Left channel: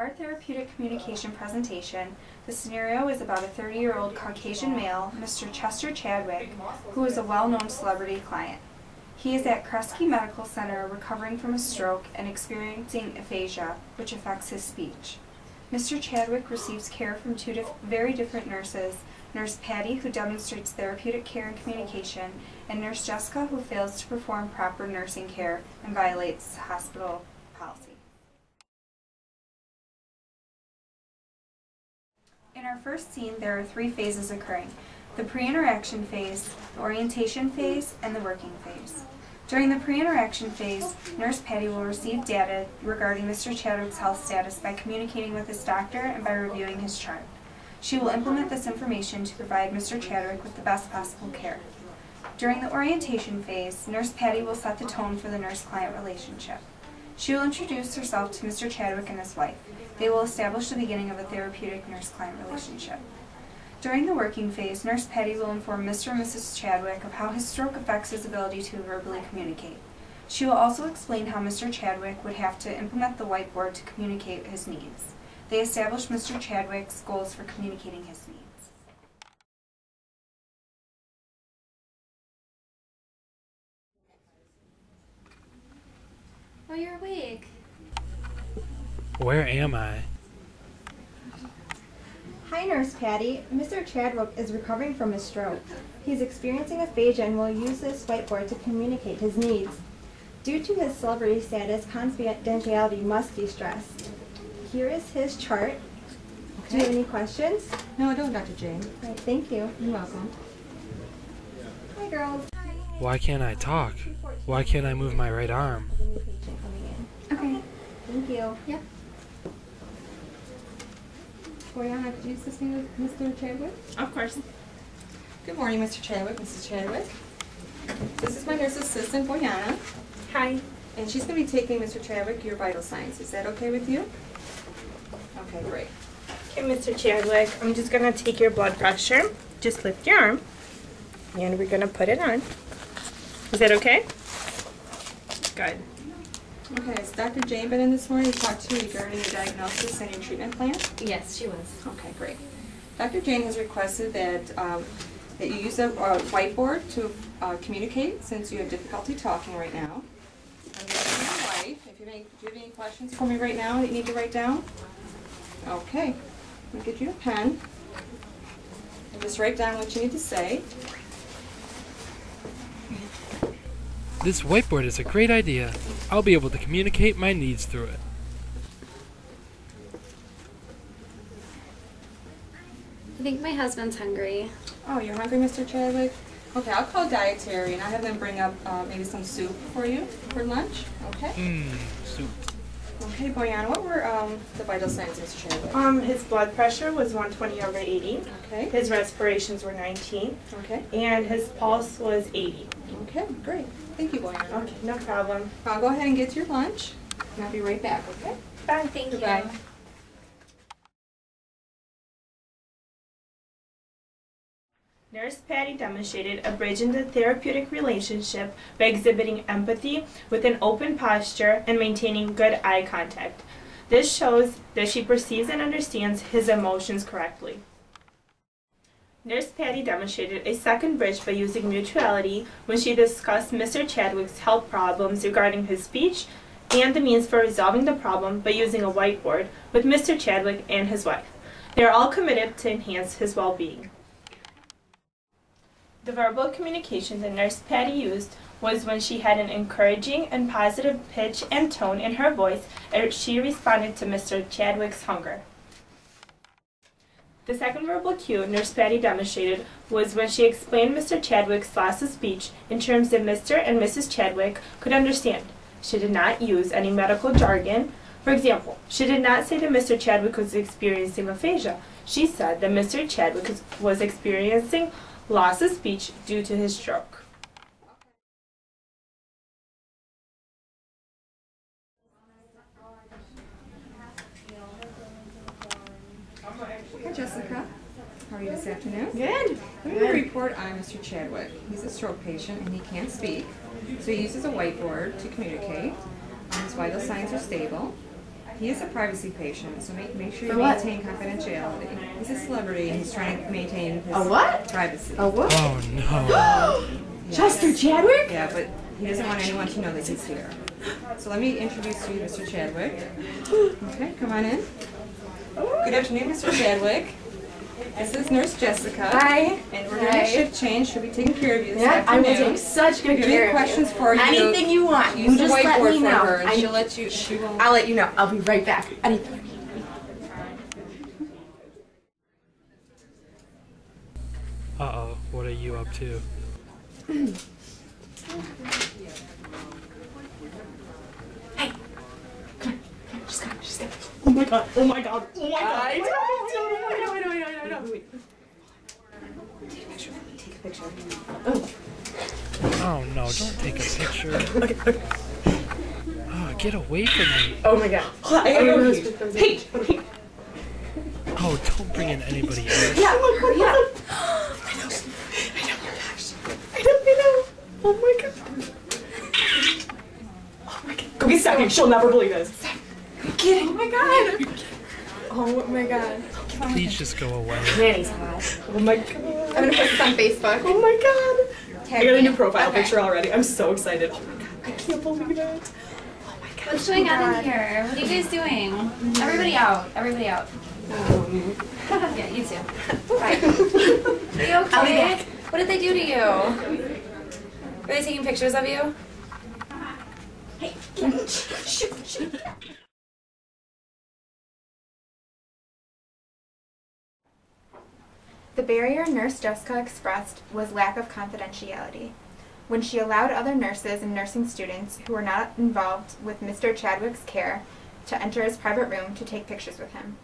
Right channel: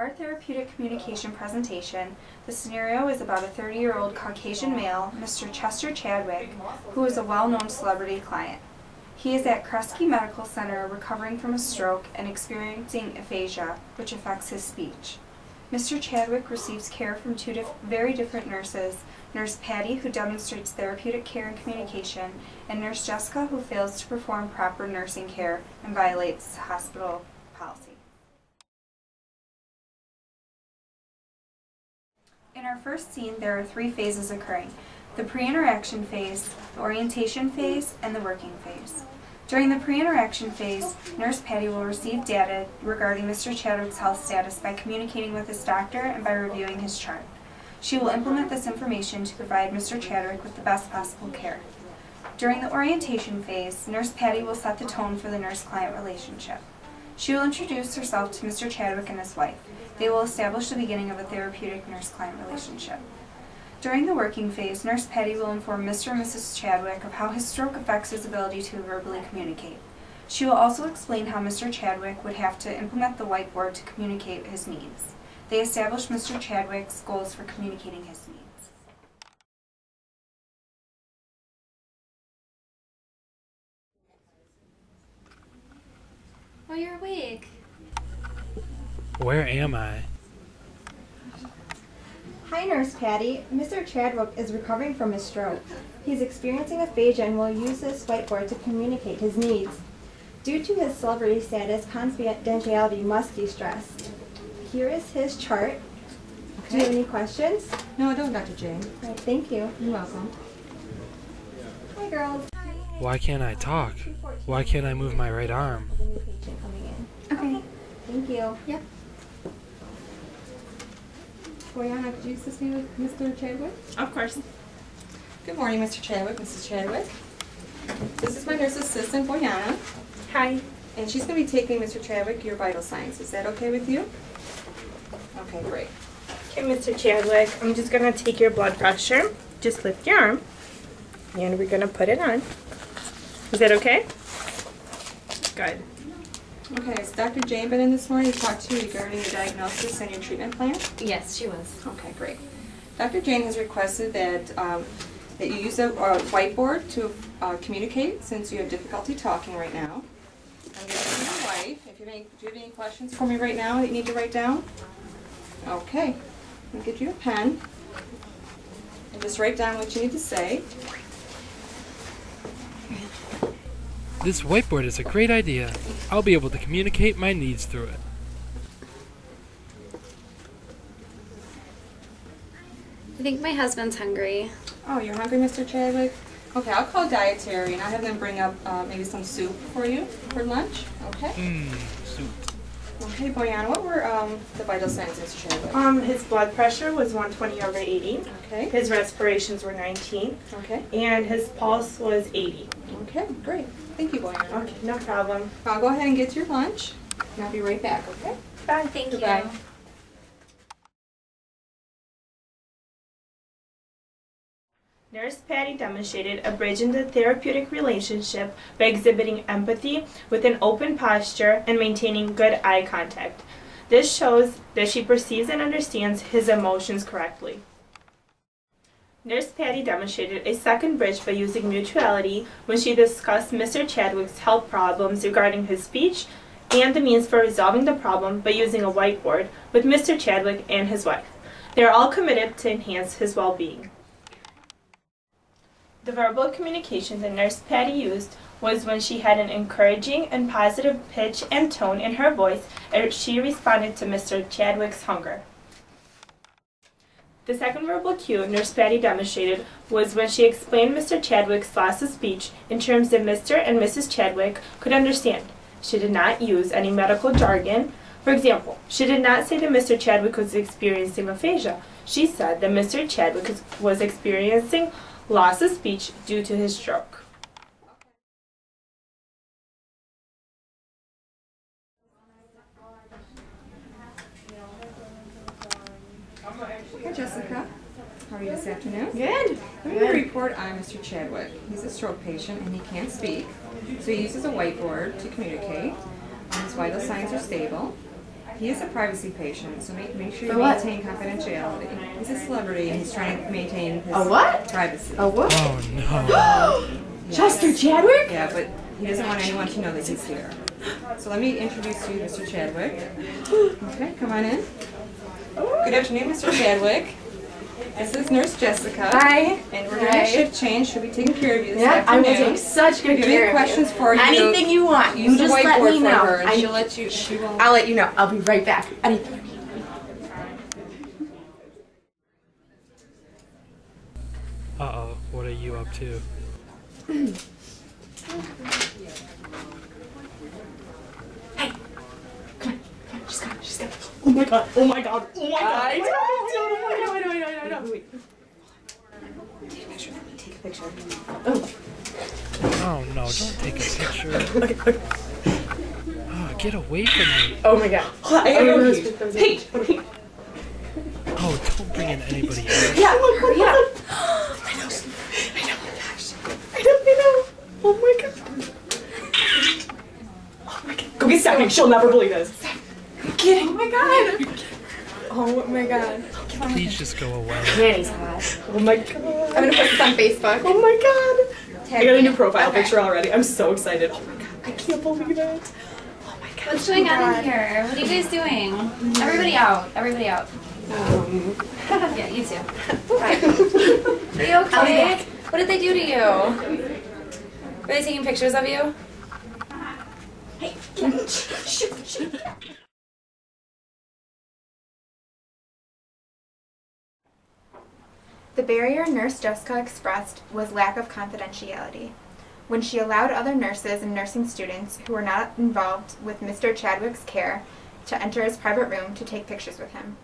our therapeutic communication presentation, the scenario is about a 30-year-old Caucasian male, Mr. Chester Chadwick, who is a well-known celebrity client. He is at Kresge Medical Center recovering from a stroke and experiencing aphasia, which affects his speech. Mr. Chadwick receives care from two very different nurses, Nurse Patty, who demonstrates therapeutic care and communication, and Nurse Jessica, who fails to perform proper nursing care and violates hospital policy. In our first scene, there are three phases occurring: the pre-interaction phase, the orientation phase, and the working phase. During the pre-interaction phase, Nurse Patty will receive data regarding Mr. Chadwick's health status by communicating with his doctor and by reviewing his chart. She will implement this information to provide Mr. Chadwick with the best possible care. During the orientation phase, Nurse Patty will set the tone for the nurse-client relationship. She will introduce herself to Mr. Chadwick and his wife. They will establish the beginning of a therapeutic nurse-client relationship. During the working phase, Nurse Patty will inform Mr. and Mrs. Chadwick of how his stroke affects his ability to verbally communicate. She will also explain how Mr. Chadwick would have to implement the whiteboard to communicate his needs. They establish Mr. Chadwick's goals for communicating his needs. Oh, you're awake. Where am I? Hi, Nurse Patty. Mr. Chadwick is recovering from his stroke. He's experiencing aphasia and will use this whiteboard to communicate his needs. Due to his celebrity status, confidentiality must be stressed. Here is his chart. Do you have any questions? No, I don't, Dr. Jane. Right, thank you. You're welcome. Hi, girls. Why can't I talk? Why can't I move my right arm? New patient coming in. Okay. Thank you. Yep. Boyana, could you assist me with Mr. Chadwick? Of course. Good morning, Mr. Chadwick, Mrs. Chadwick. This is my nurse assistant, Boyana. Hi. And she's going to be taking Mr. Chadwick your vital signs. Is that okay with you? Okay, great. Okay, Mr. Chadwick, I'm just going to take your blood pressure. Just lift your arm, and we're going to put it on. Is that okay? Good. Okay, has Dr. Jane been in this morning to talk to you regarding your diagnosis and your treatment plan? Yes, she was. Okay, great. Dr. Jane has requested that that you use a whiteboard to communicate since you have difficulty talking right now. I'm going to ask your wife, do you have any questions for me right now that you need to write down? Okay. I'm going to get you a pen and just write down what you need to say. This whiteboard is a great idea. I'll be able to communicate my needs through it. I think my husband's hungry. Oh, you're hungry, Mr. Chadwick? Okay, I'll call dietary and I'll have them bring up maybe some soup for you for lunch. Okay? Soup. Okay, Boyana, what were the vital signs, Mr. Chadwick? His blood pressure was 120/80. Okay. His respirations were 19. Okay. And his pulse was 80. Okay, great. Thank you, Boyana. Okay, no problem. I'll go ahead and get your lunch, and I'll be right back, okay? Bye. Thank Goodbye. you. Nurse Patty demonstrated a bridge in the therapeutic relationship by exhibiting empathy with an open posture and maintaining good eye contact. This shows that she perceives and understands his emotions correctly. Nurse Patty demonstrated a second bridge by using mutuality when she discussed Mr. Chadwick's health problems regarding his speech and the means for resolving the problem by using a whiteboard with Mr. Chadwick and his wife. They are all committed to enhance his well-being. The verbal communication that Nurse Patty used was when she had an encouraging and positive pitch and tone in her voice as she responded to Mr. Chadwick's hunger. The second verbal cue Nurse Patty demonstrated was when she explained Mr. Chadwick's loss of speech in terms that Mr. and Mrs. Chadwick could understand. She did not use any medical jargon. For example, she did not say that Mr. Chadwick was experiencing aphasia. She said that Mr. Chadwick was experiencing loss of speech due to his stroke. Hi, Jessica. How are you this afternoon? Good. Let me report on Mr. Chadwick. He's a stroke patient and he can't speak, so he uses a whiteboard to communicate. His vital signs are stable. He is a privacy patient, so make sure you For what? maintain confidentiality. He's a celebrity and he's trying to maintain his A what? privacy. A what? Oh no. Chester Chadwick? Yeah, but he doesn't want anyone to know that he's here. So let me introduce you to Mr. Chadwick. Okay, come on in. Good afternoon, Mr. Chadwick. This is Nurse Jessica. Hi. And we're doing a shift change. She'll be taking care of you this Yeah, I afternoon. will take such good If you care have of any questions for you, Anything you want. You use the just let whiteboard me for know. her, and she'll let you. She will. I'll let you know. I'll be right back. Anything. Uh-oh, what are you up to? Hey, come on. She's coming. She's coming. Oh my god. Oh my god. Oh my god. I know. Wait. Take a picture for me. Take a picture. Oh. Oh no, don't take a picture. Okay. Oh, get away from me. Oh my god. I gotta go. Hey. Oh, don't bring in anybody else. Yeah. Hurry up. I know. Gosh. I know. Oh my god. Oh my god. Go get Stephanie. She'll never believe this. I'm kidding. Oh my god. Oh my god. Please just go away. Nanny's hot. Oh my god. I'm gonna put this on Facebook. Oh my god. I got a new profile Okay. picture already. I'm so excited. Oh my god. I can't believe it. Oh my god. What's going on in here? What are you guys doing? Everybody out. Everybody out. Yeah, you too. Bye. Are you okay? What did they do to you? Were they taking pictures of you? Hey. Shoot. The barrier Nurse Jessica expressed was lack of confidentiality. When she allowed other nurses and nursing students who were not involved with Mr. Chadwick's care to enter his private room to take pictures with him.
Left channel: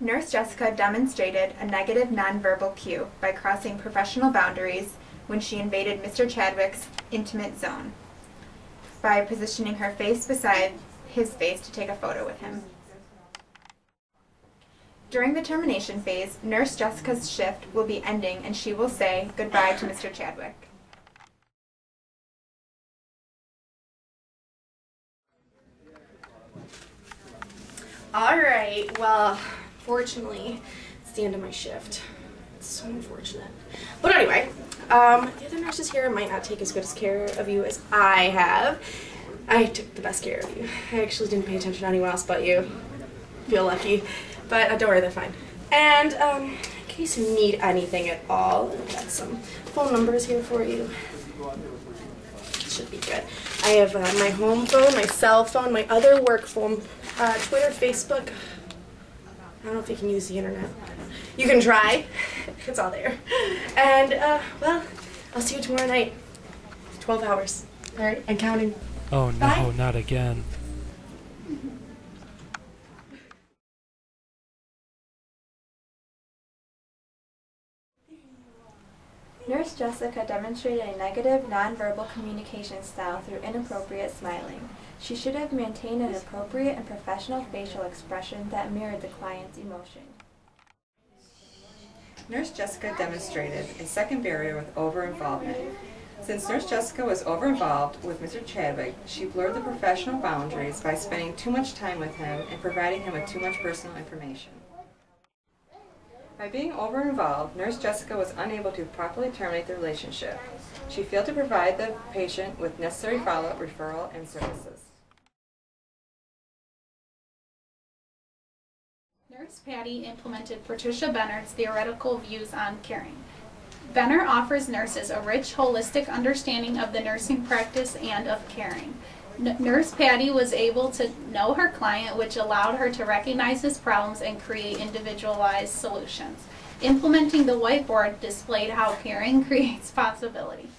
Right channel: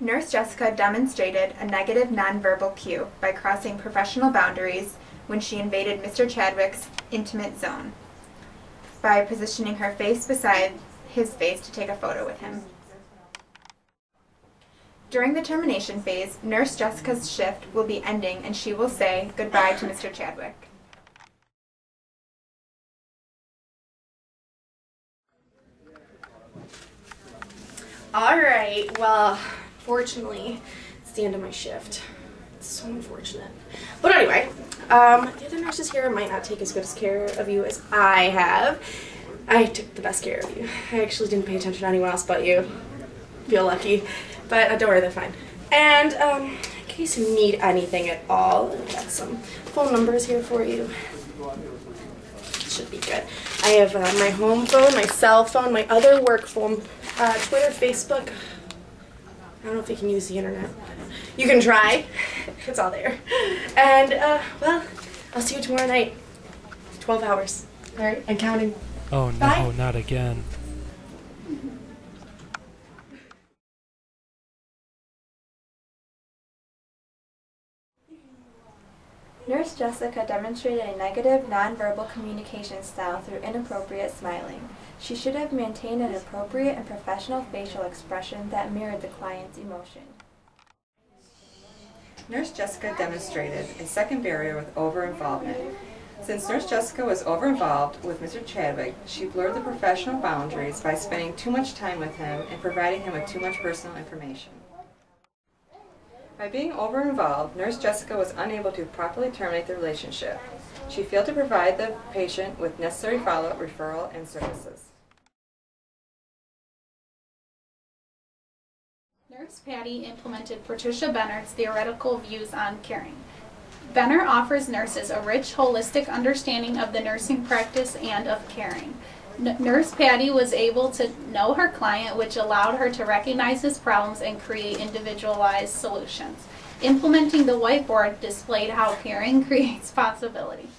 Nurse Jessica demonstrated a negative nonverbal cue by crossing professional boundaries when she invaded Mr. Chadwick's intimate zone, by positioning her face beside his face to take a photo with him. During the termination phase, Nurse Jessica's shift will be ending and she will say goodbye to Mr. Chadwick. Alright, well, fortunately, it's the end of my shift. It's so unfortunate. But anyway, the other nurses here might not take as good as care of you as I have. I took the best care of you. I actually didn't pay attention to anyone else but you. Feel lucky. But don't worry, they're fine. And in case you need anything at all, I've got some phone numbers here for you. Should be good. I have my home phone, my cell phone, my other work phone, Twitter, Facebook. I don't know if you can use the internet. You can try. It's all there. And, well, I'll see you tomorrow night. 12 hours. All right? And counting. Oh no, Bye. not again. Nurse Jessica demonstrated a negative nonverbal communication style through inappropriate smiling. She should have maintained an appropriate and professional facial expression that mirrored the client's emotion. Nurse Jessica demonstrated a second barrier with over-involvement. Since Nurse Jessica was over-involved with Mr. Chadwick, she blurred the professional boundaries by spending too much time with him and providing him with too much personal information. By being over-involved, Nurse Jessica was unable to properly terminate the relationship. She failed to provide the patient with necessary follow-up, referral, and services. Nurse Patty implemented Patricia Benner's theoretical views on caring. Benner offers nurses a rich, holistic understanding of the nursing practice and of caring. Nurse Patty was able to know her client, which allowed her to recognize his problems and create individualized solutions. Implementing the whiteboard displayed how caring creates possibility.